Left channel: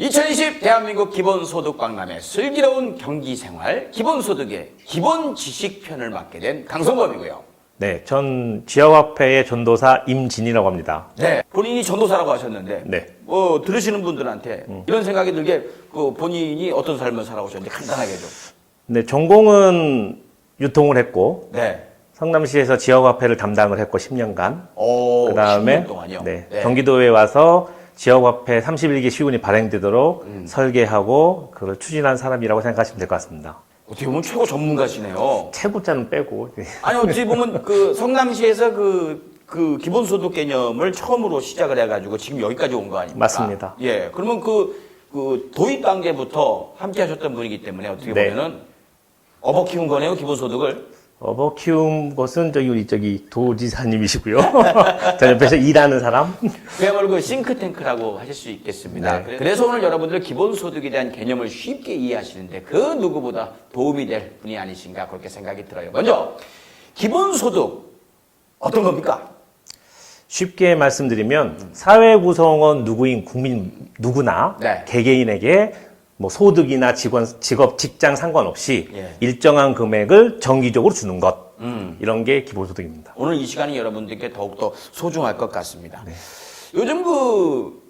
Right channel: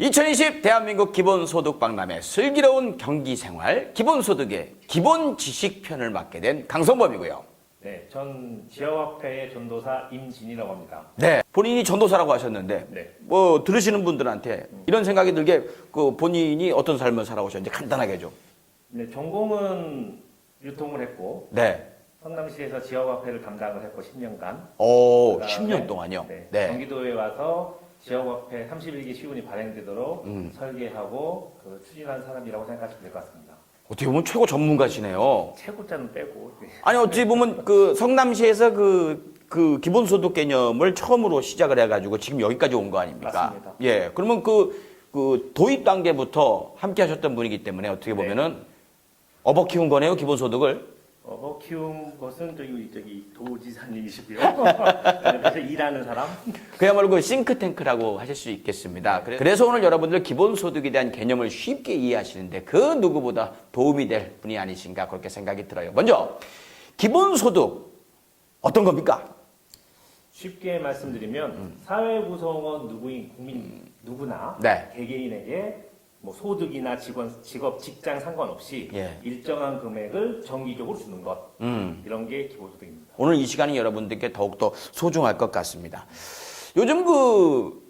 2020 대한민국 기본소득 박람회 슬기로운 경기생활 기본소득의 기본지식편을 맡게 된 강성범이고요. 네, 전 지역화폐의 전도사 임진이라고 합니다. 네, 본인이 전도사라고 하셨는데 네. 뭐 들으시는 분들한테 이런 생각이 들게 그 본인이 어떤 삶을 살아오셨는지 간단하게 좀. 네, 전공은 유통을 했고 네. 성남시에서 지역화폐를 담당을 했고 10년간. 오, 그다음에 10년 동안요. 네, 네. 경기도에 와서 지역화폐 31개 시군이 발행되도록 설계하고 그걸 추진한 사람이라고 생각하시면 될 것 같습니다. 어떻게 보면 최고 전문가시네요. 최고자는 빼고. 아니 어찌 보면 그 성남시에서 그 기본소득 개념을 처음으로 시작을 해가지고 지금 여기까지 온 거 아닙니까? 맞습니다. 예, 그러면 그 도입 단계부터 함께 하셨던 분이기 때문에 어떻게 네. 보면은 업어 키운 거네요, 기본소득을. 업어 키운 것은 저기 도지사님이시고요. 저 옆에서 일하는 사람. 그야말로 그 싱크탱크라고 하실 수 있겠습니다. 네. 그래서 오늘 여러분들 기본소득에 대한 개념을 쉽게 이해하시는데 그 누구보다 도움이 될 분이 아니신가 그렇게 생각이 들어요. 먼저 기본소득 어떤 겁니까? 쉽게 말씀드리면 사회 구성원 누구인 국민 누구나 네. 개개인에게 뭐 소득이나 직업, 직장 상관없이 예. 일정한 금액을 정기적으로 주는 것 이런 게 기본소득입니다. 오늘 이 시간이 여러분들께 더욱더 소중할 것 같습니다. 요즘 그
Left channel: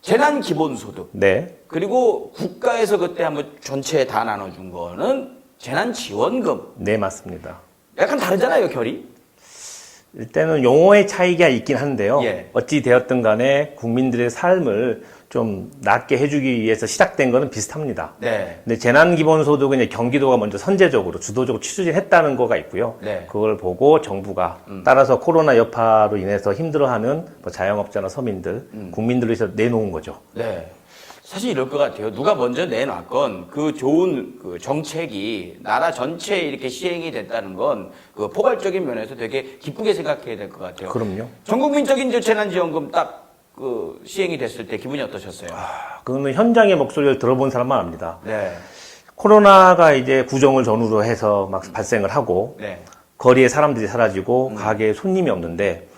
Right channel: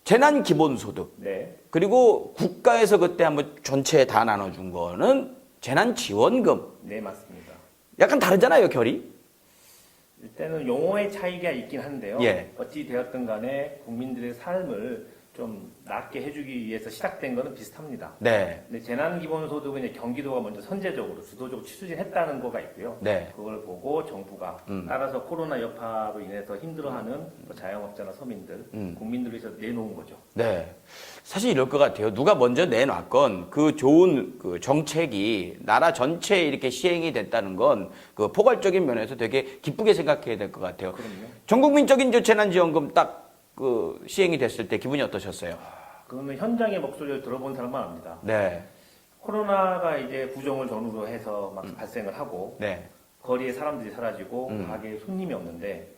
재난 기본소득 네, 그리고 국가에서 그때 한번 전체에 다 나눠준 거는 재난 지원금 네 맞습니다. 약간 다르잖아요, 결이. 일단은 용어의 차이가 있긴 한데요. 예. 어찌 되었든 간에 국민들의 삶을 좀 낫게 해주기 위해서 시작된 거는 비슷합니다. 네. 근데 재난기본소득은 이제 경기도가 먼저 선제적으로 주도적으로 추진했다는 거가 있고요. 네. 그걸 보고 정부가 따라서 코로나 여파로 인해서 힘들어하는 뭐 자영업자나 서민들, 국민들을 위해서 내놓은 거죠. 네. 사실 이럴 것 같아요. 누가 먼저 내놨건 그 좋은 그 정책이 나라 전체에 이렇게 시행이 됐다는 건 그 포괄적인 면에서 되게 기쁘게 생각해야 될 것 같아요. 그럼요. 전국민적인 저 재난지원금 딱 그 시행이 됐을 때 기분이 어떠셨어요? 그거는 현장의 목소리를 들어본 사람만 압니다. 네. 코로나가 이제 구정을 전후로 해서 막 발생을 하고 네. 거리에 사람들이 사라지고 가게에 손님이 없는데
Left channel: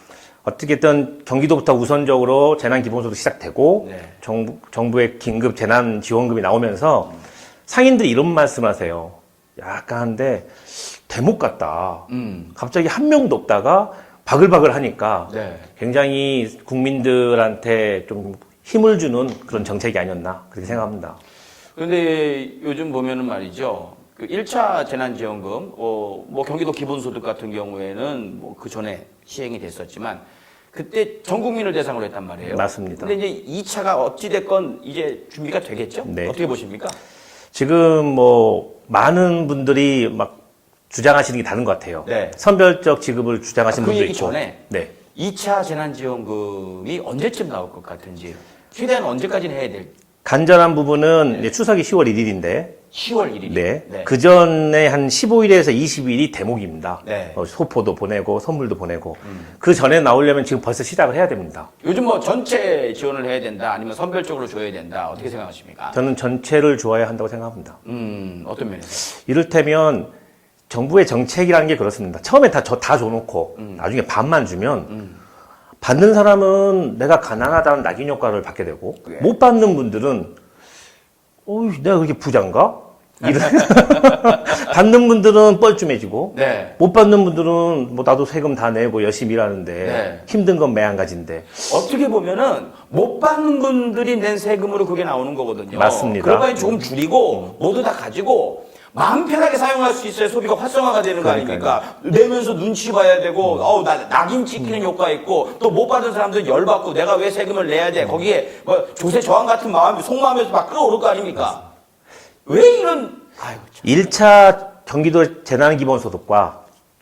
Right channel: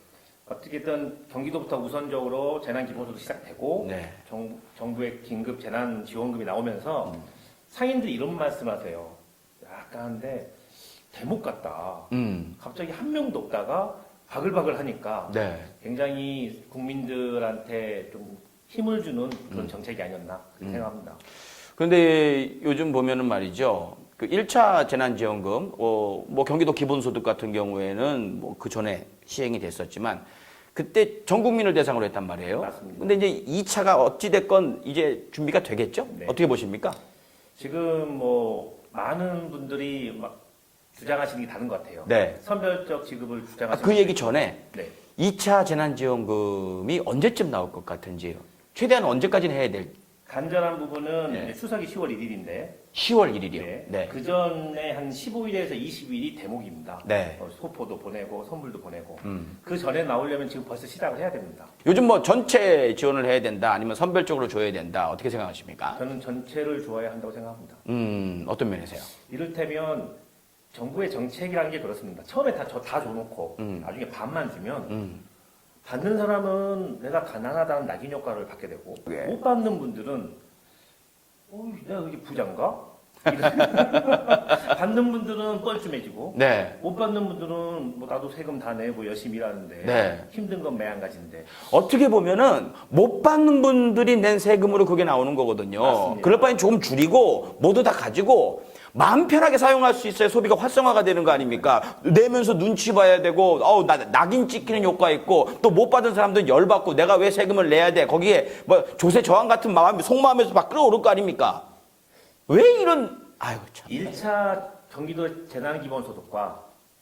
어떻게든 경기도부터 우선적으로 재난기본소득 시작되고 네. 정부의 긴급 재난지원금이 나오면서 상인들이 이런 말씀하세요. 약간 한데 대목 같다. 갑자기 한 명도 없다가 바글바글 하니까 네. 굉장히 국민들한테 좀 힘을 주는 그런 정책이 아니었나 그렇게 생각합니다. 그런데 요즘 보면은 말이죠. 그 1차 재난지원금, 뭐 경기도 기본소득 같은 경우에는 뭐 그 전에 시행이 됐었지만 그때 전 국민을 대상으로 했단 말이에요. 맞습니다. 근데 이제 2차가 어찌됐건 이제 준비가 되겠죠? 네. 어떻게 보십니까? 지금 뭐 많은 분들이 막 주장하시는 게 다른 것 같아요. 네. 선별적 지급을 주장하시는 그 분들 얘기 있고. 전에 네. 2차 재난지원금이 언제쯤 나올 것 같은지 최대한 언제까지는 해야 될 간절한 부분은 이제 추석이 10월 1일인데 10월 1일이요? 네. 그 전에 한 15일에서 20일이 대목입니다. 네. 소포도 보내고 선물도 보내고 그 전에 나오려면 지금 벌써 시작을 해야 됩니다. 요즘 뭐 전체 지원을 해야 된다 아니면 선별적으로 줘야 된다 어떻게 생각하십니까? 저는 전체를 좋아야 한다고 생각합니다. 어떤 면에서요? 이를테면 정부의 정책이라는 게 그렇습니다. 처음에 다 줘놓고 나중에 반만 주면 받는 사람은 내가 가난하다는 낙인 효과를 받게 되고 예. 못 받는 분들은 내가 그렇게 부자인가? 받는 분들은 뻘쭘해지고 네. 못 받는 분들은 뭐 나도 세금 다 내고 열심히 일하는데 네. 힘든 건 매한가지인데 어떻게 보면은 못 받는 분들이 낸 세금으로 그게 나오는 거거든요. 맞습니다. 그럴 바엔 조금 줄이고 모두 다 가지고 마음 편하게 사용할 수 있어야 소비가 활성화가 되는 거 아닙니까? 내면서 눈치 봐야 되고 낙인 찍히는 효과 있고 또 못 받은 사람들은 열받고 내가 왜 세금을 내야 돼? 거기에 뭐 조세 저항 같은 마음이 속마음에서 막 끌어오를 거 아닙니까? 왜 이런 아이고 참. 1차 경기도 재난기본소득과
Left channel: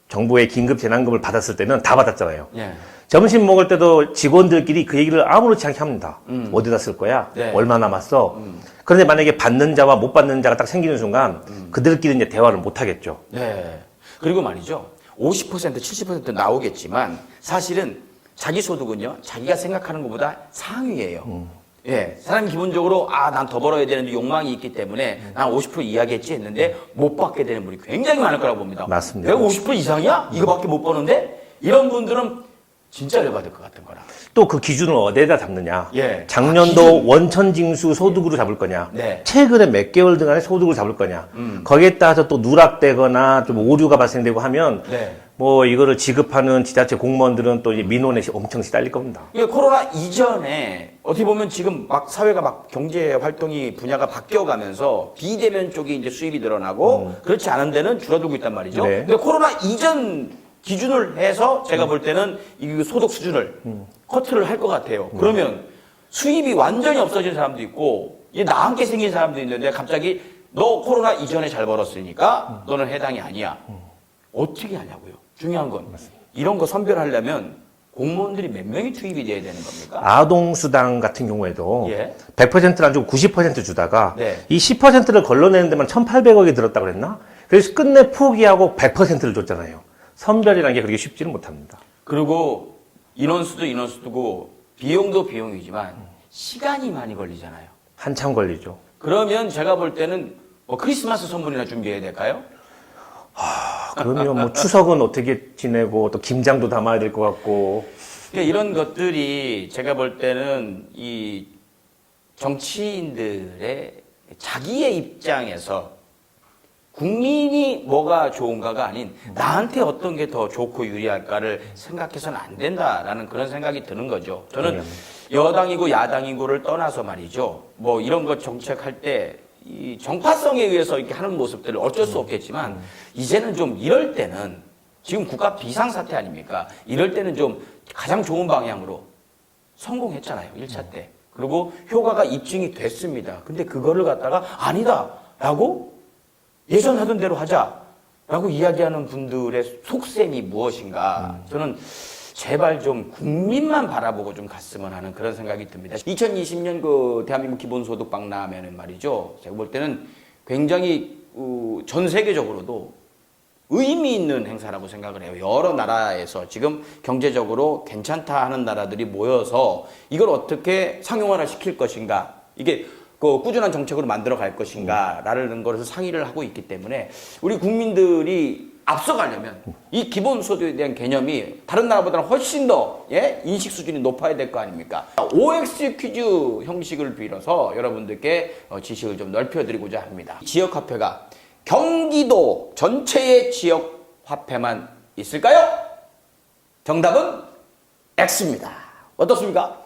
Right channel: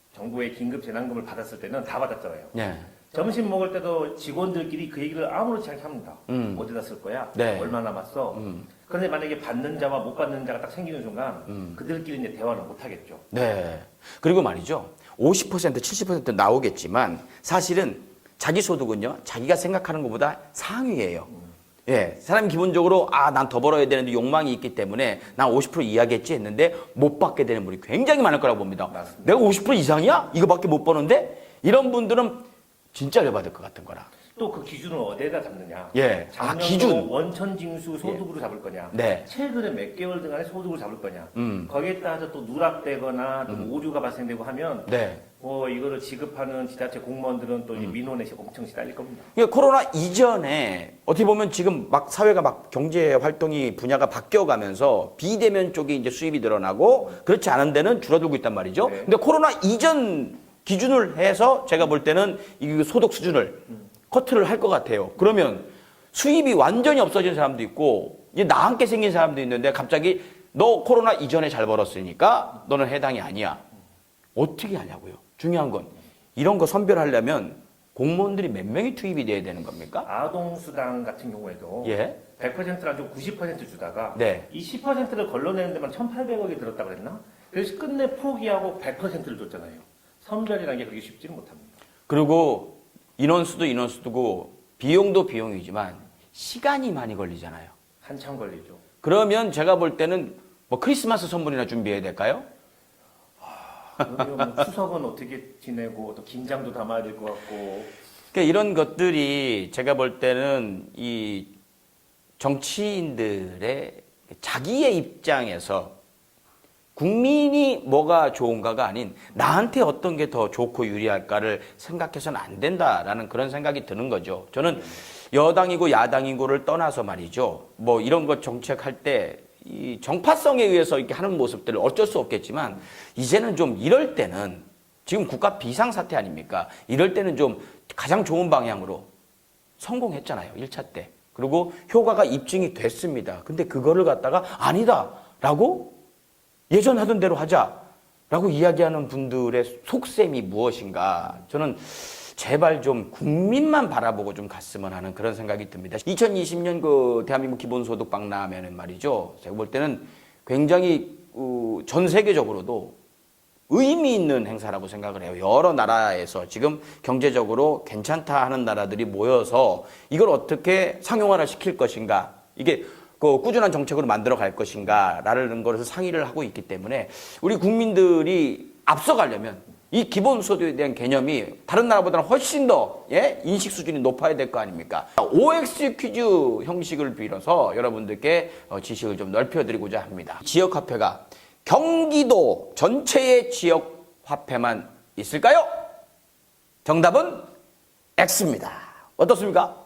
정부의 긴급 재난금을 받았을 때는 다 받았잖아요. 예. 점심 먹을 때도 직원들끼리 그 얘기를 아무렇지 않게 합니다. 어디다 쓸 거야? 네. 얼마 남았어? 그런데 만약에 받는 자와 못 받는 자가 딱 생기는 순간 그들끼리 이제 대화를 못 하겠죠. 네. 그리고 말이죠. 50% 70% 나오겠지만 사실은 자기 소득은요. 자기가 생각하는 것보다 상위예요. 예. 사람이 기본적으로 난 더 벌어야 되는데 욕망이 있기 때문에 난 50% 이하겠지 했는데 못 받게 되는 분이 굉장히 많을 거라고 봅니다. 맞습니다. 내가 50% 이상이야? 이거밖에 못 버는데? 이런 분들은 진짜 열받을 것 같은 거라. 또 그 기준을 어디에다 잡느냐. 예. 작년도 기준. 원천징수 소득으로 잡을 거냐. 네. 최근에 몇 개월 동안의 소득으로 잡을 거냐. 거기에 따라서 또 누락되거나 좀 오류가 발생되고 하면 네. 뭐 이거를 지급하는 지자체 공무원들은 또 이 민원에 엄청 시달릴 겁니다. 이게 코로나 이전에 어떻게 보면 지금 막 사회가 막 경제 활동이 분야가 바뀌어가면서 비대면 쪽이 이제 수입이 늘어나고 그렇지 않은 데는 줄어들고 있단 말이죠. 네. 근데 코로나 이전 기준을 해서 제가 볼 때는 이 소득 수준을 커트를 할 것 같아요. 그러면 수입이 완전히 없어진 사람도 있고 이제 나앉게 생긴 사람도 있는데 갑자기 너 코로나 이전에 잘 벌었으니까 너는 해당이 아니야. 어떻게 하냐고요. 중요한 건 이런 거 선별하려면 공무원들이 몇 명이 투입이 돼야 되는 겁니까? 아동수당 같은 경우에도 예. 100%를 안 주고 90% 주다가 네. 이 10%를 걸러내는 데만 1,800억이 들었다고 그랬나? 그래서 끝내 포기하고 100%를 줬잖아요. 선별이라는 게 그렇게 쉽지는 못합니다. 그리고 인원수도 인원수고 비용도 비용이지만 시간이 많이 걸리잖아요. 한참 걸리죠. 그러면 제가 볼 때는 뭐 크리스마스 선물이나 준비해야 될까요? 그러면 뭐 추석은 어떻게 지내고 또 김장도 담아야 될 것 같고. 그러니까 이런 것들이 제가 볼 때는 이 정치인들의 자기의 입장에서 국민이 뭐가 좋은가가 아닌 나한테 어떤 게 더 좋고 유리할까를 생각해서는 안 된다라는 그런 생각이 드는 거죠. 저는 여당이고 야당이고를 떠나서 말이죠. 뭐 이런 것 정책할 때 이 정파성에 의해서 이렇게 하는 모습들을 어쩔 수 없겠지만 이제는 좀 이럴 때는 지금 국가 비상사태 아닙니까? 이럴 때는 좀 가장 좋은 방향으로 성공했잖아요. 1차 때. 그리고 효과가 입증이 됐습니다. 근데 그거를 갖다가 아니다라고 예전 하던 대로 하자라고 이야기하는 분들의 속셈이 무엇인가. 저는 제발 좀 국민만 바라보고 좀 갔으면 하는 그런 생각이 듭니다. 2020년 그 대한민국 기본소득 박람회는 말이죠. 제가 볼 때는 굉장히 전 세계적으로도 의미 있는 행사라고 생각을 해요. 여러 나라에서 지금 경제적으로 괜찮다 하는 나라들이 모여서 이걸 어떻게 상용화를 시킬 것인가. 이게 그 꾸준한 정책으로 만들어 갈 것인가라는 것을 상의를 하고 있기 때문에 우리 국민들이 앞서가려면 이 기본소득에 대한 개념이 다른 나라보다는 훨씬 더 인식 수준이 높아야 될 거 아닙니까? OX 퀴즈 형식을 빌어서 여러분들께 지식을 좀 넓혀드리고자 합니다. 지역화폐가 경기도 전체의 지역화폐만 있을까요? 정답은 X입니다. 어떻습니까?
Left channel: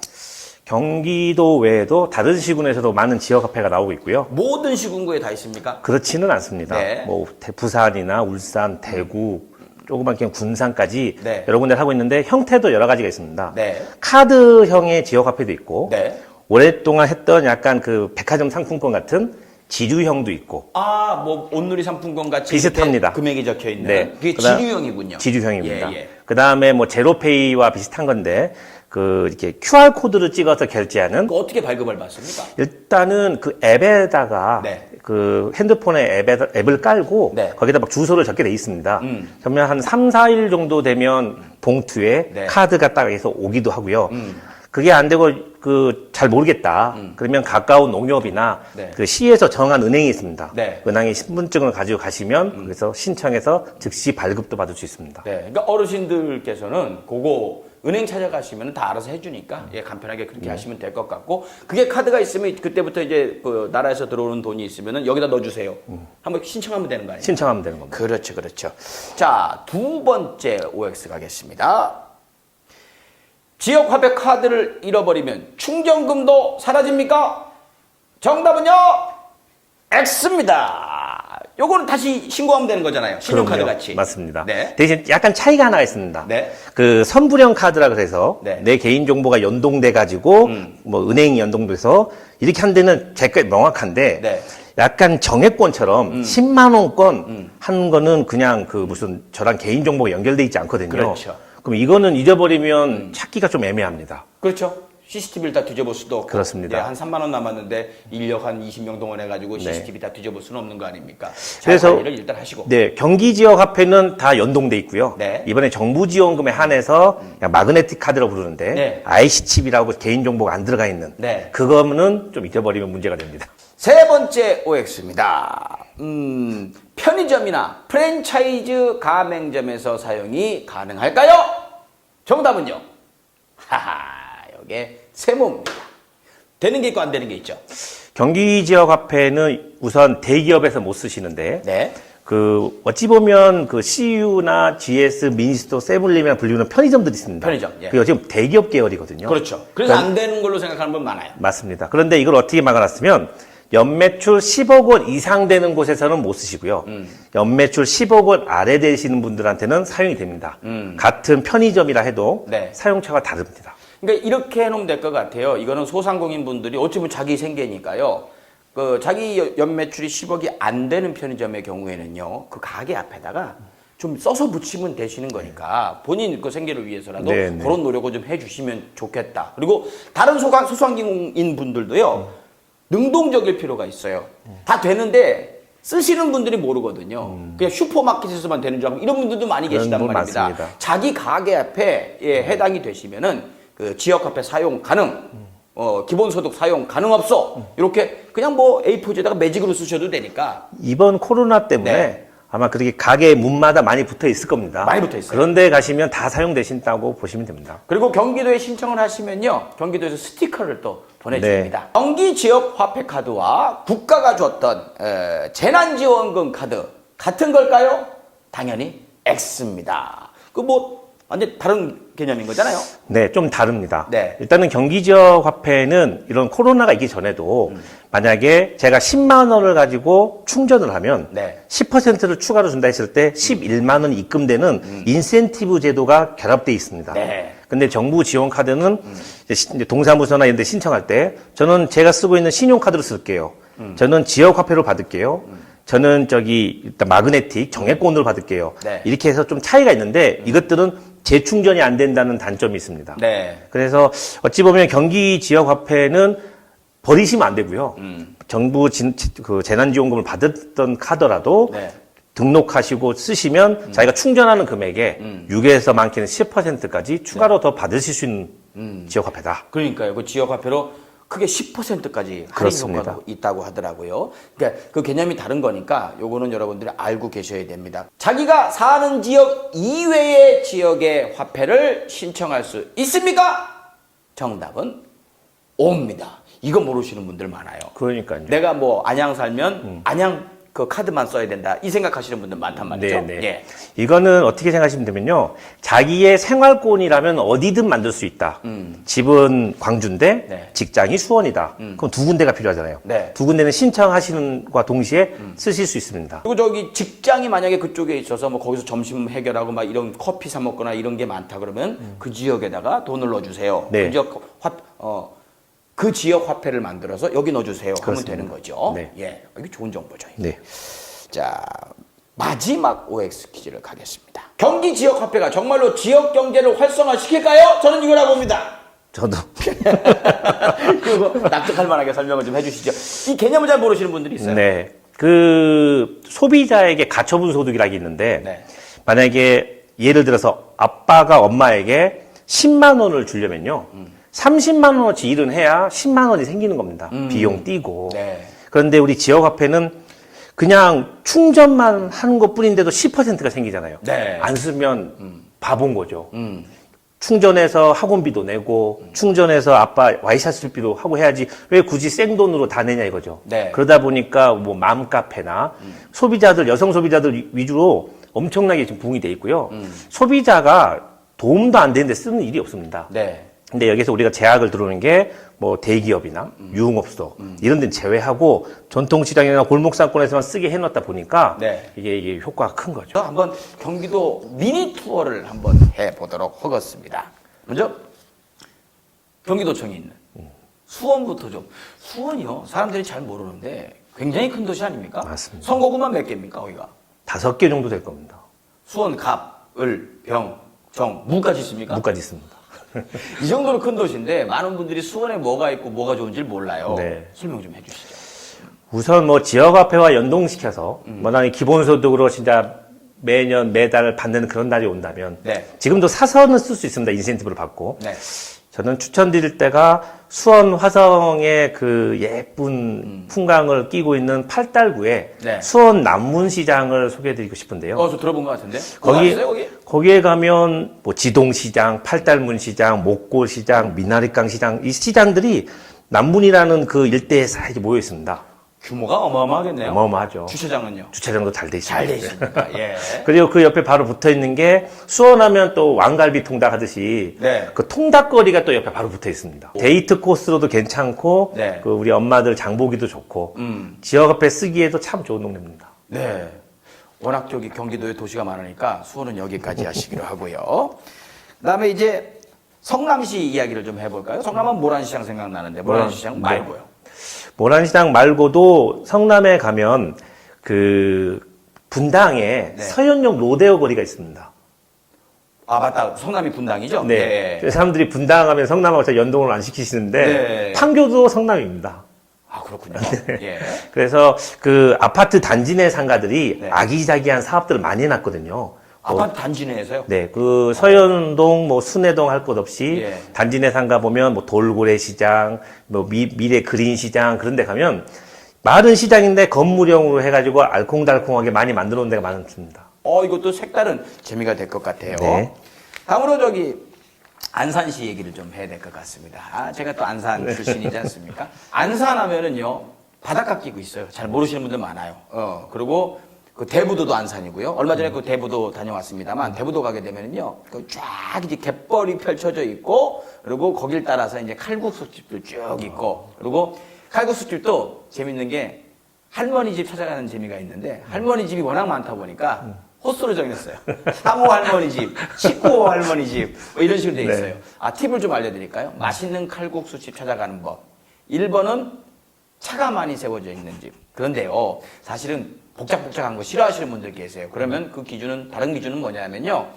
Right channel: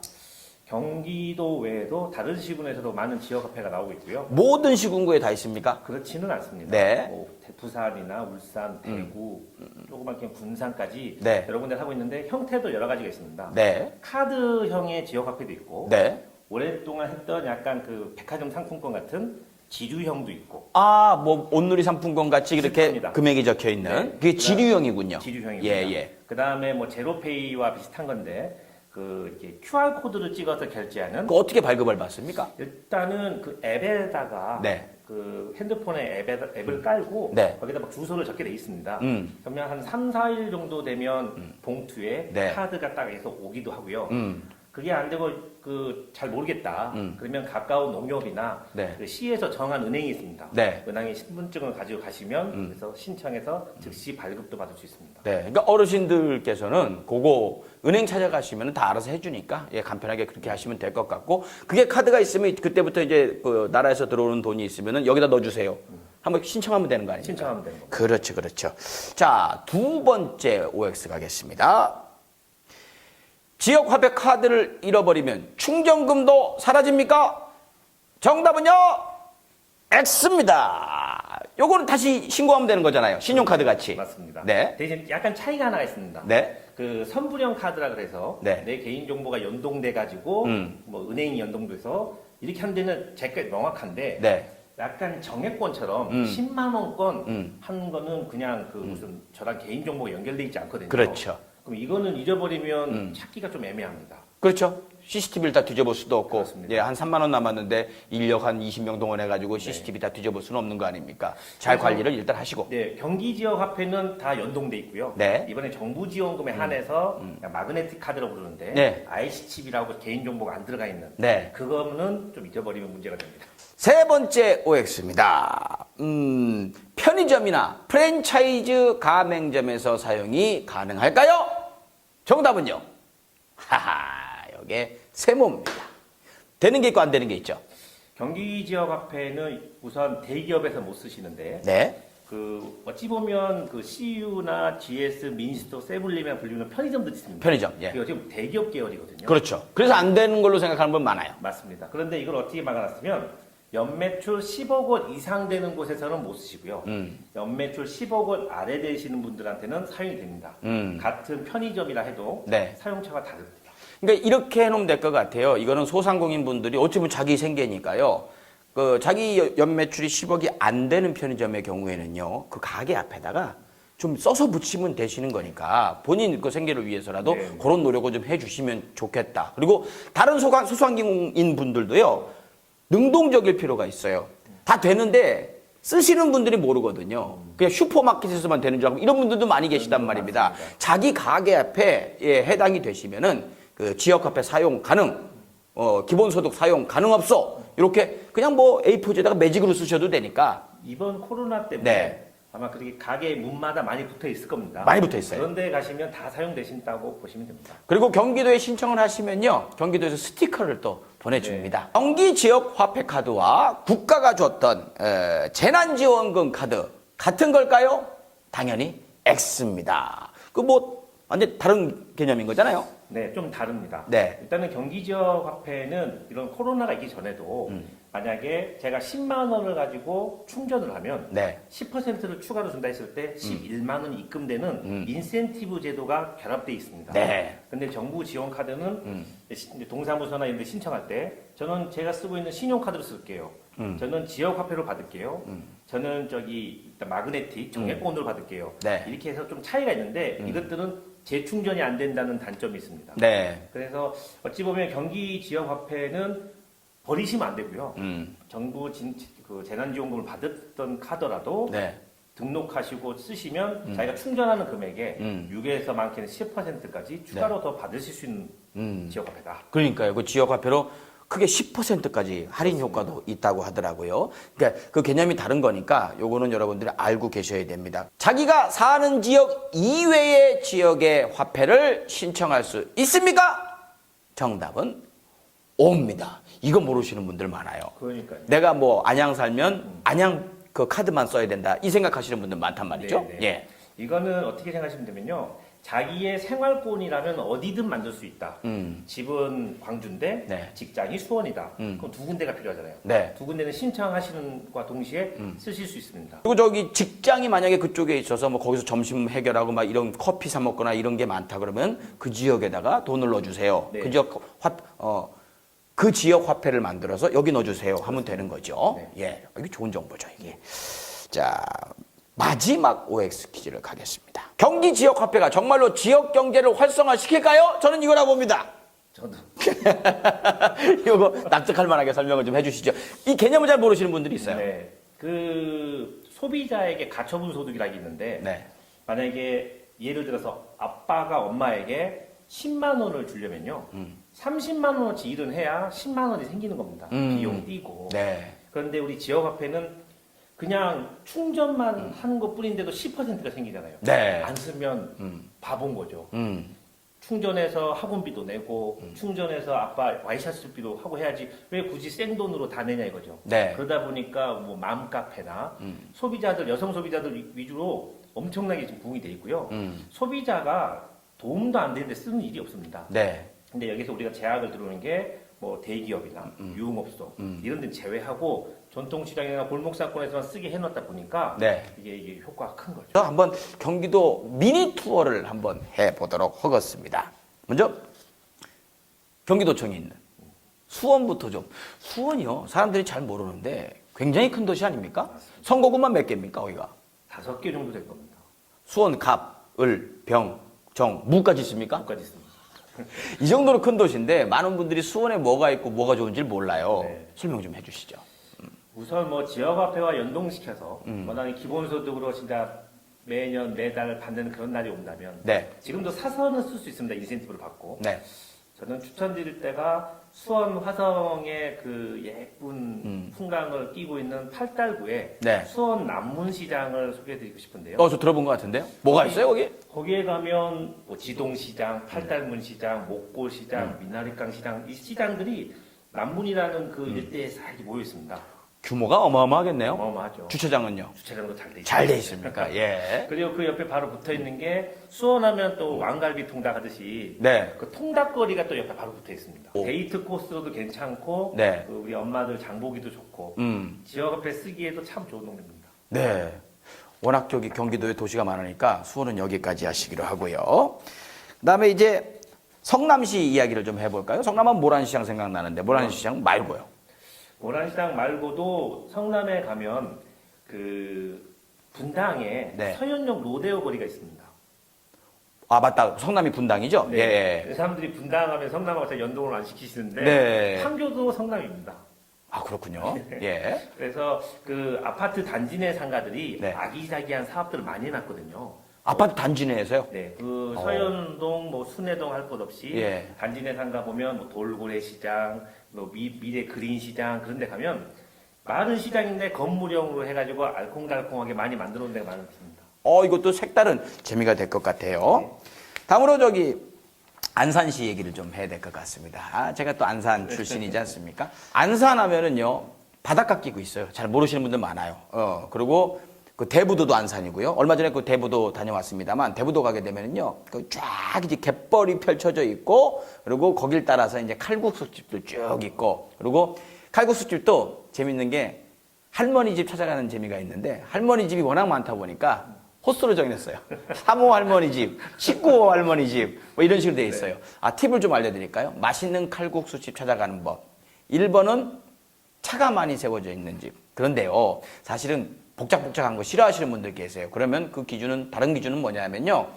경기도 외에도 다른 시군에서도 많은 지역화폐가 나오고 있고요. 모든 시군구에 다 있습니까? 그렇지는 않습니다. 네. 뭐 부산이나 울산, 대구, 조그만 그냥 군산까지 네. 여러 군데 하고 있는데 형태도 여러 가지가 있습니다. 네. 카드형의 지역화폐도 있고 네. 오랫동안 했던 약간 그 백화점 상품권 같은 지류형도 있고 아, 뭐 온누리 상품권 같이 비슷합니다. 이렇게 금액이 적혀 있는 네. 그게 그다음- 지류형이군요. 지류형입니다. 예, 예. 그 다음에 뭐 제로페이와 비슷한 건데 그 이렇게 QR 코드를 찍어서 결제하는 그 어떻게 발급을 받습니까? 일단은 그 앱에다가 네. 그 핸드폰에 앱을 깔고 네. 거기다 막 주소를 적게 돼 있습니다. 그러면 한 3, 4일 정도 되면 봉투에 네. 카드가 딱 해서 오기도 하고요. 그게 안 되고 그 잘 모르겠다. 그러면 가까운 농협이나 네. 그 시에서 정한 은행이 있습니다. 네. 은행에 신분증을 가지고 가시면 그래서 신청해서 즉시 발급도 받을 수 있습니다. 네. 그러니까 어르신들께서는 그거 은행 찾아가시면 다 알아서 해주니까 간편하게 그렇게 하시면 될 것 같고 그게 카드가 있으면 그때부터 이제 그 나라에서 들어오는 돈이 있으면 여기다 넣어주세요. 한번 신청하면 되는 거 아니에요? 신청하면 되는 겁니다. 그렇죠, 그렇죠. 자, 두 번째 OX 가겠습니다. 지역화폐 카드를 잃어버리면 충전금도 사라집니까? 정답은요, X입니다. 요거는 다시 신고하면 되는 거잖아요. 신용카드 그럼요. 같이. 맞습니다. 네. 대신 약간 차이가 하나 있습니다. 네. 그 선불형 카드라 그래서 네. 내 개인 정보가 연동돼 가지고 뭐 은행이 연동돼서 이렇게 한 데는 제가 명확한데 네. 약간 정액권처럼 10만 원권 한 거는 그냥 그 무슨 저랑 개인 정보가 연결돼 있지 않거든요. 그렇죠. 그럼 이거는 잊어버리면 찾기가 좀 애매합니다. 그렇죠. CCTV를 다 뒤져볼 수도 없고. 그렇습니다. 예, 한 3만 원 남았는데 인력 한 20명 동원해가지고 CCTV 다 뒤져볼 수는 없는 거 아닙니까? 잘 그래서- 관리를 일단 하시고. 네, 경기 지역 화폐는 다 연동돼 있고요. 네. 이번에 정부 지원금에 한해서 그냥 마그네틱 카드라고 부르는데 네. IC 칩이라고 개인 정보가 안 들어가 있는 네. 그거는 좀 잊어버리면 문제가 됩니다. 세 번째 OX입니다. 편의점이나 프랜차이즈 가맹점에서 사용이 가능할까요? 정답은요. 하하, 이게 세모입니다. 되는 게 있고 안 되는 게 있죠. 경기 지역 화폐는 우선 대기업에서 못 쓰시는데 네. 그 어찌 보면 그 CU나 GS, 미니스토어, 세븐일레븐이라 불리는 편의점들이 있습니다. 편의점, 예. 그리고 지금 대기업 계열이거든요. 그렇죠. 그래서 안 되는 걸로 생각하는 분 많아요. 맞습니다. 그런데 이걸 어떻게 막아놨으면 연매출 10억 원 이상 되는 곳에서는 못 쓰시고요. 연매출 10억 원 아래 되시는 분들한테는 사용이 됩니다. 같은 편의점이라 해도 네. 사용처가 다릅니다. 그러니까 이렇게 해놓으면 될 것 같아요. 이거는 소상공인 분들이 어쩌면 자기 생계니까요. 그 자기 연매출이 10억이 안 되는 편의점의 경우에는요, 그 가게 앞에다가 좀 써서 붙이면 되시는 거니까 본인 그 생계를 위해서라도 네, 그런 노력을 좀 해주시면 좋겠다. 그리고 다른 소상공인 분들도요, 능동적일 필요가 있어요. 다 되는데 쓰시는 분들이 모르거든요. 그냥 슈퍼마켓에서만 되는 줄 알고 이런 분들도 많이 계시단 분 말입니다. 많습니다. 자기 가게 앞에 해당이 되시면은 그 지역화폐 사용 가능, 기본소득 사용 가능 없어. 이렇게 그냥 뭐 A4지에다가 매직으로 쓰셔도 되니까. 이번 코로나 때문에 네. 아마 그렇게 가게 문마다 많이 붙어 있을 겁니다. 많이 붙어 있어요. 그런데 가시면 다 사용되신다고 보시면 됩니다. 그리고 경기도에 신청을 하시면요, 경기도에서 스티커를 또 보내줍니다. 네. 경기 지역 화폐 카드와 국가가 줬던 재난지원금 카드 같은 걸까요? 당연히 X입니다. 그 뭐 완전 다른 개념인 거잖아요. 네, 좀 다릅니다. 네. 일단은 경기 지역 화폐는 이런 코로나가 있기 전에도 만약에 제가 10만 원을 가지고 충전을 하면 네. 10%를 추가로 준다 했을 때 11만 원이 입금되는 인센티브 제도가 결합되어 있습니다. 네. 근데 정부 지원 카드는 이제 동사무소나 이런 데 신청할 때 저는 제가 쓰고 있는 신용카드로 쓸게요. 저는 지역 화폐로 받을게요. 저는 저기 일단 마그네틱 정액권으로 받을게요. 네. 이렇게 해서 좀 차이가 있는데 이것들은 재충전이 안 된다는 단점이 있습니다. 네. 그래서 어찌 보면 경기 지역 화폐는 버리시면 안 되고요. 정부 그 재난지원금을 받았던 카더라도 네. 등록하시고 쓰시면 자기가 충전하는 금액에 6에서 많게는 10%까지 추가로 더 받으실 수 있는 지역 화폐다. 그러니까요. 그 지역 화폐로 크게 10%까지 할인 그렇습니다. 효과도 있다고 하더라고요. 그러니까 그 개념이 다른 거니까 요거는 여러분들이 알고 계셔야 됩니다. 자기가 사는 지역 이외의 지역의 화폐를 신청할 수 있습니까? 정답은 O입니다. 이거 모르시는 분들 많아요. 그러니까요. 내가 뭐 안양 살면 안양 그 카드만 써야 된다. 이 생각하시는 분들 많단 말이죠. 네, 네. 예. 이거는 어떻게 생각하시면 되면요. 자기의 생활권이라면 어디든 만들 수 있다. 집은 광주인데 네. 직장이 수원이다. 그럼 두 군데가 필요하잖아요. 네. 두 군데는 신청하시는 것과 동시에 쓰실 수 있습니다. 그리고 저기 직장이 만약에 그쪽에 있어서 뭐 거기서 점심 해결하고 막 이런 커피 사 먹거나 이런 게 많다 그러면 그 지역에다가 돈을 넣어주세요. 네. 그 지역 화폐를 만들어서 여기 넣어주세요. 하면 되는 거죠. 네. 예, 이게 좋은 정보죠. 네. 자, 마지막 OX 퀴즈를 가겠습니다. 경기 지역 화폐가 정말로 지역 경제를 활성화시킬까요? 저는 이거라고 봅니다. 저도. 이거 납득할 만하게 설명을 좀 해주시죠. 이 개념을 잘 모르시는 분들이 있어요. 네. 그 소비자에게 가처분 소득이라는 게 있는데 네. 만약에 예를 들어서 아빠가 엄마에게 10만 원을 주려면요. 30만 원어치 일은 해야 10만 원이 생기는 겁니다. 비용 띄고. 네. 그런데 우리 지역 화폐는 그냥 충전만 하는 것 뿐인데도 10%가 생기잖아요. 네. 안 쓰면 바본 거죠. 충전해서 학원비도 내고 충전해서 아빠 와이셔츠 쓸비도 하고 해야지 왜 굳이 생돈으로 다 내냐 이거죠. 네. 그러다 보니까 뭐 맘카페나 소비자들 여성 소비자들 위주로 엄청나게 지금 붕이 돼 있고요. 소비자가 도움도 안 되는데 쓰는 일이 없습니다. 네. 근데 여기서 우리가 제약을 들어오는 게 뭐 대기업이나 유흥업소 이런 데는 제외하고 전통시장이나 골목상권에서만 쓰게 해놨다 보니까 네. 이게 효과가 큰 거죠. 저 한번 경기도 미니 투어를 한번 해보도록 하겠습니다. 먼저 경기도청에 있는 수원부터 좀. 수원이요. 사람들이 잘 모르는데 굉장히 큰 도시 아닙니까? 맞습니다. 선거구만 몇 개입니까 거기가? 5개 정도 될 겁니다. 수원, 갑, 을, 병, 정, 무까지 있습니까? 무까지 있습니다. 이 정도로 큰 도시인데 많은 분들이 수원에 뭐가 있고 뭐가 좋은지 몰라요. 네. 설명 좀 해주시죠. 우선 뭐 지역화폐와 연동시켜서 만약에 기본소득으로 진짜 매년 매달 받는 그런 날이 온다면 네. 지금도 사서는 쓸 수 있습니다. 인센티브를 받고 네. 저는 추천드릴 때가 수원 화성의 그 예쁜 풍광을 끼고 있는 팔달구에 네. 수원 남문시장을 소개해드리고 싶은데요. 저 들어본 것 같은데요. 뭐가 있어요, 거기? 거기에 가면 뭐 지동시장, 팔달문시장, 목골시장, 미나리강 시장, 이 시장들이 남문이라는 그 일대에 싹 모여 있습니다. 규모가 어마어마하겠네요. 어마어마하죠. 주차장은요? 주차장도 잘 돼 있습니다. 잘 돼 있습니까? 예. 그리고 그 옆에 바로 붙어 있는 게 수원하면 또 왕갈비 통닭 하듯이 네. 그 통닭거리가 또 옆에 바로 붙어 있습니다. 데이트 코스로도 괜찮고 네. 그 우리 엄마들 장보기도 좋고 지역 앞에 쓰기에도 참 좋은 동네입니다. 네. 워낙 저기 경기도에 도시가 많으니까 수원은 여기까지 하시기로 하고요. 그다음에 이제 성남시 이야기를 좀 해볼까요? 성남은 모란시장 생각나는데 모란시장 말고요. 모란시장 말고도 성남에 가면 그 분당에 네. 서현역 로데오 거리가 있습니다. 아 맞다. 성남이 분당이죠? 네. 예. 사람들이 분당하면 성남하고 잘 연동을 안 시키시는데 네. 판교도 성남입니다. 아 그렇군요. 예. 그래서 그 아파트 단지 내 상가들이 네. 아기자기한 사업들을 많이 해놨거든요. 아파트 단지 내에서요? 네, 그 서현동, 뭐 순회동 할 것 없이 예. 단지 내 상가 보면 뭐 돌고래 시장, 뭐 미래 그린 시장 그런 데 가면 마른 시장인데 건물형으로 해가지고 알콩달콩하게 많이 만들어 놓은 데가 많습니다. 이것도 색다른 재미가 될 것 같아요. 네. 다음으로 저기 안산시 얘기를 좀 해야 될 것 같습니다. 제가 또 안산 출신이지 않습니까? 안산 하면은요, 바닷가 끼고 있어요. 잘 모르시는 분들 많아요. 그리고 그 대부도도 안산이고요. 얼마 전에 그 대부도 다녀왔습니다만, 대부도 가게 되면은요, 그 쫙 이제 갯벌이 펼쳐져 있고, 그리고 거길 따라서 이제 칼국수집들 쭉 있고, 그리고 칼국수집도 재밌는 게 할머니 집 찾아가는 재미가 있는데, 할머니 집이 워낙 많다 보니까, 호수로 정했어요. 사모 할머니 집, 식구 할머니 집, 뭐 이런 식으로 돼 있어요. 팁을 좀 알려드릴까요? 맛있는 칼국수집 찾아가는 법. 1번은 차가 많이 세워져 있는 집. 그런데요, 사실은 복잡복잡한 거 싫어하시는 분들 계세요. 그러면 그 기준은, 다른 기준은 뭐냐면요.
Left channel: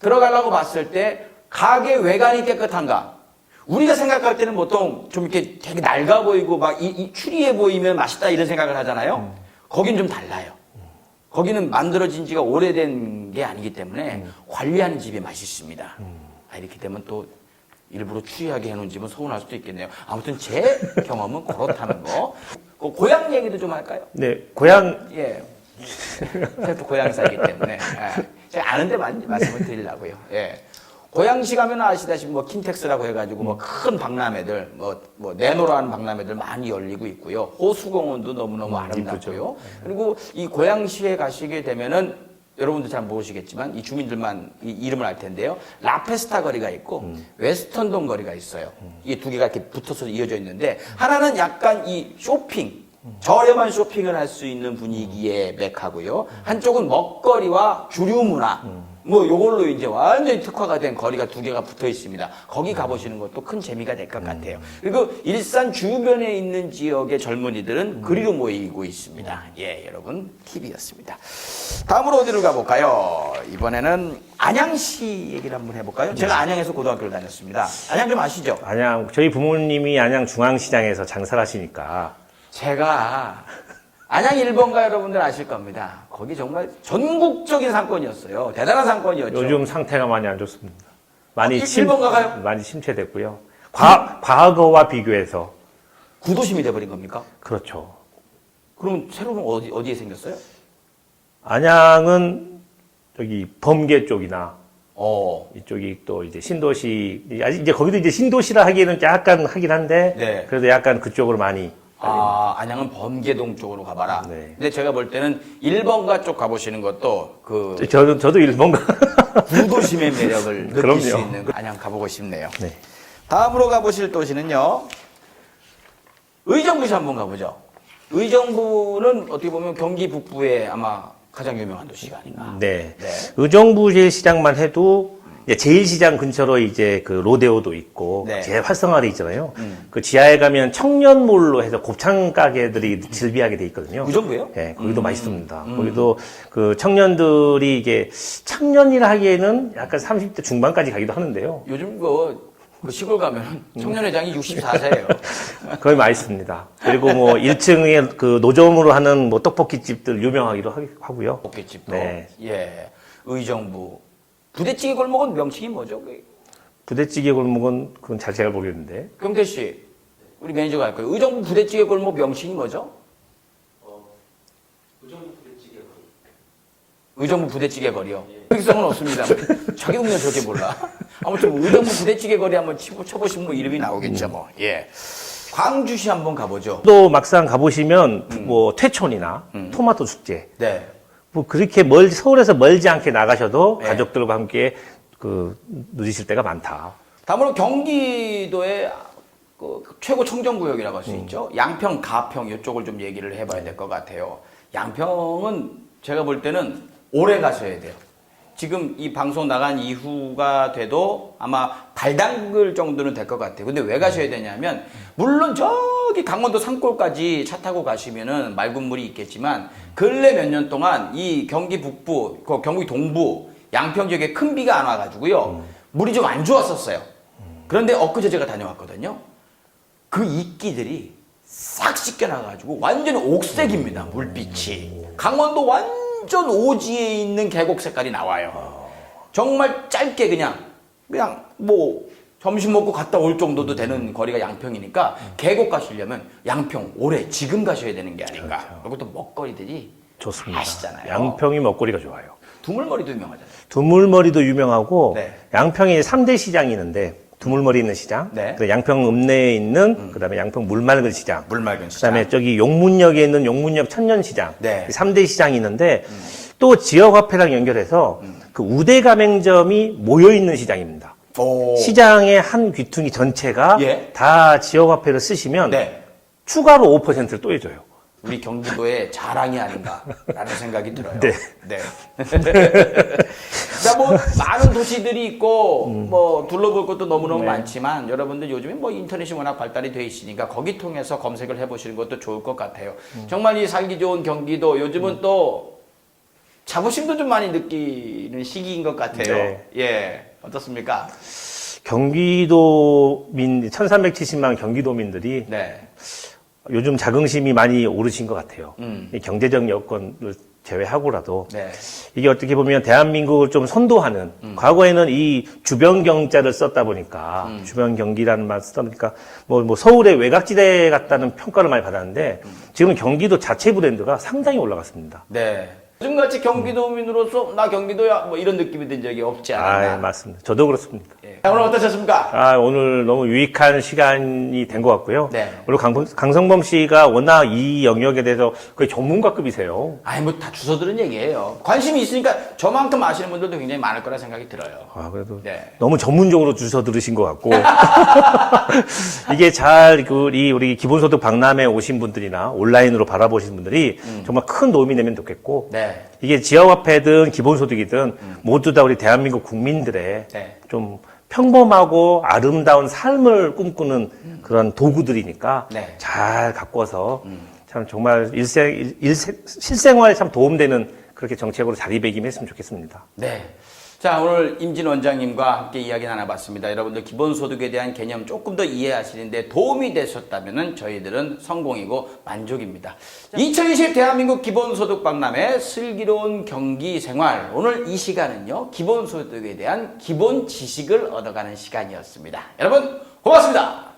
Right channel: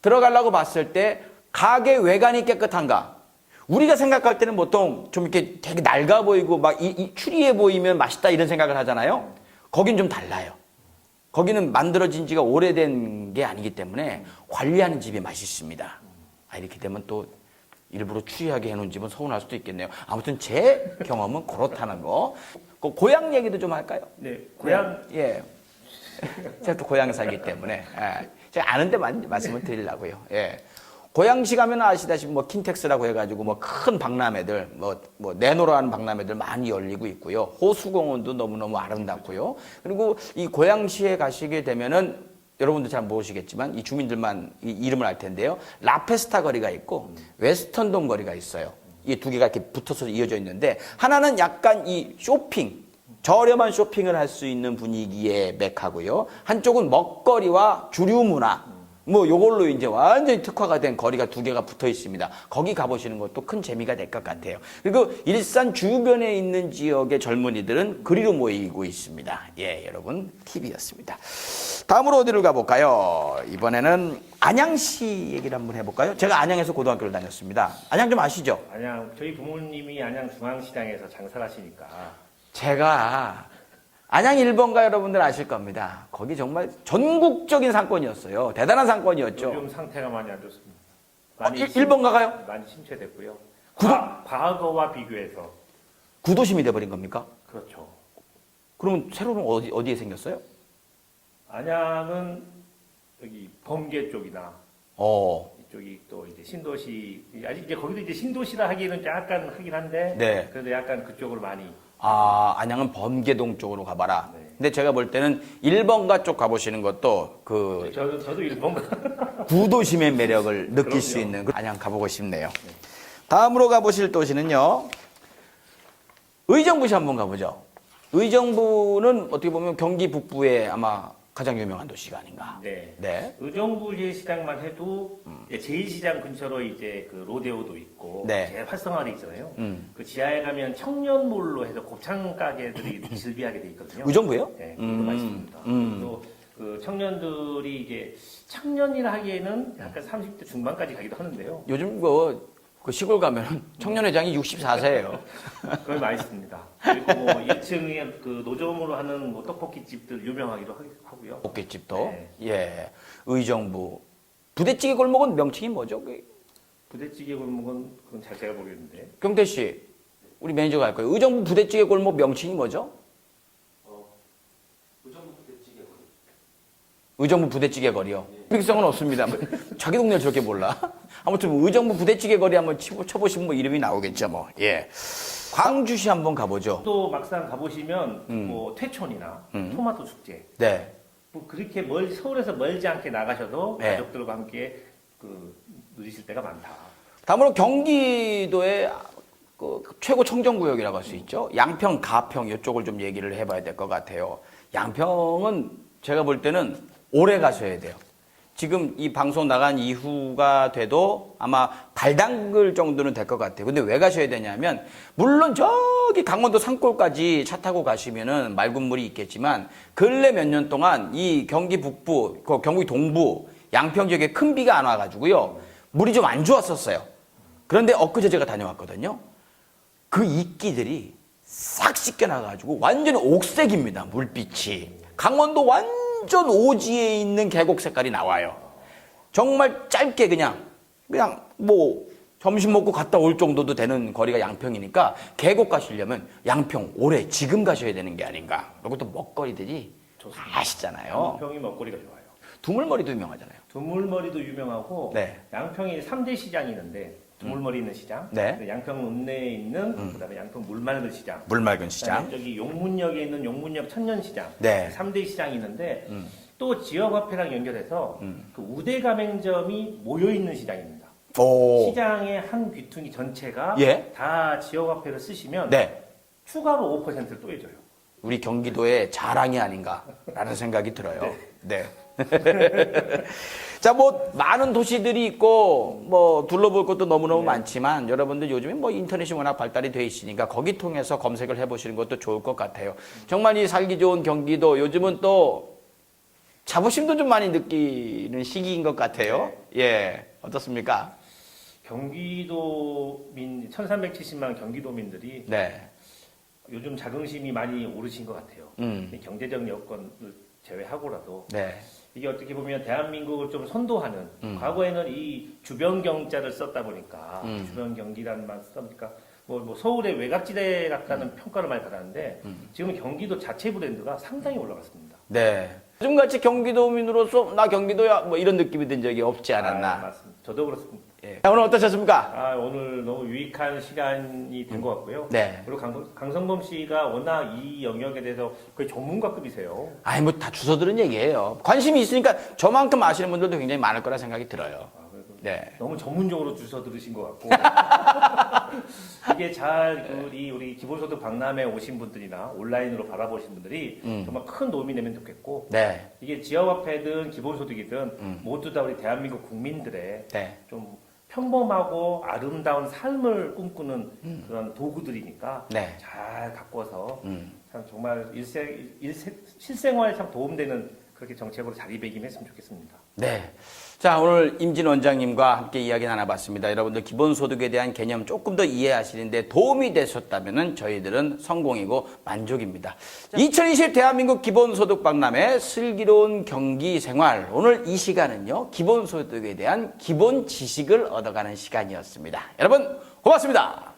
들어가려고 봤을 때, 가게 외관이 깨끗한가? 우리가 생각할 때는 보통 좀 이렇게 되게 낡아 보이고, 막 이 추리해 보이면 맛있다 이런 생각을 하잖아요. 거긴 좀 달라요. 거기는 만들어진 지가 오래된 게 아니기 때문에 관리하는 집이 맛있습니다. 이렇게 되면 또 일부러 추리하게 해놓은 집은 서운할 수도 있겠네요. 아무튼 제 경험은 그렇다는 거. 고향 얘기도 좀 할까요? 네, 고향 예. 제가 또 고향에 살기 때문에 제가 아는데만 말씀을 드리려고요. 예. 고양시 가면 아시다시피 뭐 킨텍스라고 해가지고 뭐 큰 박람회들 뭐 내노라는 박람회들 많이 열리고 있고요. 호수공원도 너무너무 아름답고요. 그리고 이 고양시에 가시게 되면은 여러분도 잘 모르시겠지만 이 주민들만 이 이름을 알 텐데요. 라페스타 거리가 있고 웨스턴동 거리가 있어요. 이 두 개가 이렇게 붙어서 이어져 있는데 하나는 약간 이 쇼핑 저렴한 쇼핑을 할 수 있는 분위기의 메카고요. 한쪽은 먹거리와 주류 문화 뭐 요걸로 이제 완전히 특화가 된 거리가 두 개가 붙어 있습니다. 거기 가보시는 것도 큰 재미가 될 것 같아요. 그리고 일산 주변에 있는 지역의 젊은이들은 그리로 모이고 있습니다. 예, 여러분 팁이었습니다. 다음으로 어디로 가볼까요? 이번에는 안양시 얘기를 한번 해볼까요? 제가 안양에서 고등학교를 다녔습니다. 안양 좀 아시죠? 안양 저희 부모님이 안양 중앙시장에서 장사를 하시니까 제가 안양 1번가 여러분들 아실 겁니다. 거기 정말 전국적인 상권이었어요. 대단한 상권이었죠. 요즘 상태가 많이 안 좋습니다. 많이 1번가 가요? 많이 침체됐고요. 과거와 비교해서 구도심이 돼버린 겁니까? 그렇죠. 그러면 새로는 어디에 생겼어요? 안양은 저기 범계 쪽이나 어. 이쪽이 또 이제 신도시 아직 이제 거기도 이제 신도시라 하기는 약간 하긴 한데 네. 그래도 약간 그쪽으로 많이 안양은 범계동 쪽으로 가봐라. 네. 근데 제가 볼 때는 1번가 쪽 가보시는 것도 저도 일본가 구도심의 매력을 느낄 그럼요. 수 있는 안양 가보고 싶네요. 네. 다음으로 가보실 도시는요. 의정부시 한번 가보죠. 의정부는 어떻게 보면 경기 북부에 아마 가장 유명한 도시가 아닌가. 네. 네. 의정부 제일시장만 해도 이제 제일시장 근처로 이제 그 로데오도 있고 네. 제일 활성화돼 있잖아요. 그 지하에 가면 청년몰로 해서 곱창 가게들이 즐비하게 돼 있거든요. 의정부요? 네, 거기도 맛있습니다. 거기도 그 청년들이 이게 청년이라 하기에는 약간 30대 중반까지 가기도 하는데요. 요즘 그 시골 가면 청년회장이 64세예요. 거의 맛있습니다. 그리고 뭐 1층에 그 노점으로 하는 뭐 떡볶이 집들 유명하기도 하고요. 볶음집도. 네. 예. 의정부. 부대찌개 골목은 명칭이 뭐죠? 부대찌개 골목은 그건 잘 제가 모르겠는데. 경태 씨, 우리 매니저가 할 거예요. 의정부 부대찌개 골목 명칭이 뭐죠? 의정부 부대찌개 거리요. 특성은 없습니다. 자기 동네 저렇게 몰라. 아무튼 의정부 부대찌개 거리 한번 쳐보시면 뭐 이름이 나오겠죠, 뭐. 예. 광주시 한번 가보죠. 또 막상 가보시면 뭐 퇴촌이나 토마토 축제. 네. 뭐 그렇게 서울에서 멀지 않게 나가셔도 네. 가족들과 함께 누리실 때가 많다. 다음으로 경기도의 그 최고 청정구역이라고 할 수 있죠. 양평, 가평 이쪽을 좀 얘기를 해봐야 될 것 같아요. 양평은 제가 볼 때는 오래 가셔야 돼요. 지금 이 방송 나간 이후가 돼도 아마 발 담글 정도는 될 것 같아요. 근데 왜 가셔야 되냐면, 물론 저기 강원도 산골까지 차 타고 가시면은 맑은 물이 있겠지만, 근래 몇 년 동안 이 경기 북부, 경기 동부, 양평 지역에 큰 비가 안 와가지고요. 물이 좀 안 좋았었어요. 그런데 엊그제 제가 다녀왔거든요. 그 이끼들이 싹 씻겨나가지고 완전 옥색입니다. 물빛이. 강원도 완전 오지에 있는 계곡 색깔이 나와요. 정말 짧게 그냥 뭐 점심 먹고 갔다 올 정도도 되는 거리가 양평이니까 계곡 가시려면 양평 올해 지금 가셔야 되는 게 아닌가. 그리고 또 먹거리들이 좋습니다. 아시잖아요. 양평이 먹거리가 좋아요. 두물머리도 유명하잖아요. 두물머리도 유명하고 네. 양평에 3대 시장이 있는데 두물머리 있는 시장, 네. 양평 읍내에 있는 그다음에 양평 물맑은 시장, 물맑은 시장. 그다음에 저기 용문역에 있는 용문역 천년시장, 네. 3대 시장이 있는데 또 지역화폐랑 연결해서 그 우대 가맹점이 모여 있는 시장입니다. 오. 시장의 한 귀퉁이 전체가 예. 다 지역화폐를 쓰시면 네. 추가로 5%를 또 해줘요. 우리 경기도의 자랑이 아닌가라는 생각이 들어요. 네. 자, 뭐, 많은 도시들이 있고, 뭐, 둘러볼 것도 너무너무 많지만, 여러분들 요즘에 뭐 인터넷이 워낙 발달이 돼 있으니까, 거기 통해서 검색을 해보시는 것도 좋을 것 같아요. 정말 이 살기 좋은 경기도, 요즘은 또, 자부심도 좀 많이 느끼는 시기인 것 같아요. 네. 예. 어떻습니까? 경기도민, 1370만 경기도민들이 네. 요즘 자긍심이 많이 오르신 것 같아요. 음. 이 경제적 여건을 제외하고라도 네. 이게 어떻게 보면 대한민국을 좀 선도하는 과거에는 이 주변 경자를 썼다 보니까 주변 경기라는 말 쓰다 보니까 뭐 서울의 외곽지대 같다는 평가를 많이 받았는데 지금 경기도 자체 브랜드가 상당히 올라갔습니다. 네. 요즘같이 경기도민으로서, 나 경기도야, 뭐 이런 느낌이 든 적이 없지 않았나. 맞습니다. 저도 그렇습니다. 예. 자, 오늘 어떠셨습니까? 오늘 너무 유익한 시간이 된 것 같고요. 네. 그리고 강성범 씨가 워낙 이 영역에 대해서 거의 전문가급이세요. 아니, 뭐 다 주워 들은 얘기예요. 관심이 있으니까 저만큼 아시는 분들도 굉장히 많을 거라 생각이 들어요. 그래도 네. 너무 전문적으로 주워 들으신 것 같고 이게 우리 기본소득 박람회 오신 분들이나 온라인으로 바라보신 분들이 정말 큰 도움이 되면 좋겠고 네. 이게 지역화폐든 기본소득이든 모두 다 우리 대한민국 국민들의 네. 좀 평범하고 아름다운 삶을 꿈꾸는 그런 도구들이니까 네. 잘 가꿔서 참 정말 실생활에 참 도움되는 그렇게 정책으로 자리매김했으면 좋겠습니다. 네. 자, 오늘 임진 원장님과 함께 이야기 나눠봤습니다. 여러분들 기본소득에 대한 개념 조금 더 이해하시는데 도움이 되셨다면 저희들은 성공이고 만족입니다. 2020 대한민국 기본소득 박람회 슬기로운 경기생활. 오늘 이 시간은요, 기본소득에 대한 기본 지식을 얻어가는 시간이었습니다. 여러분, 고맙습니다.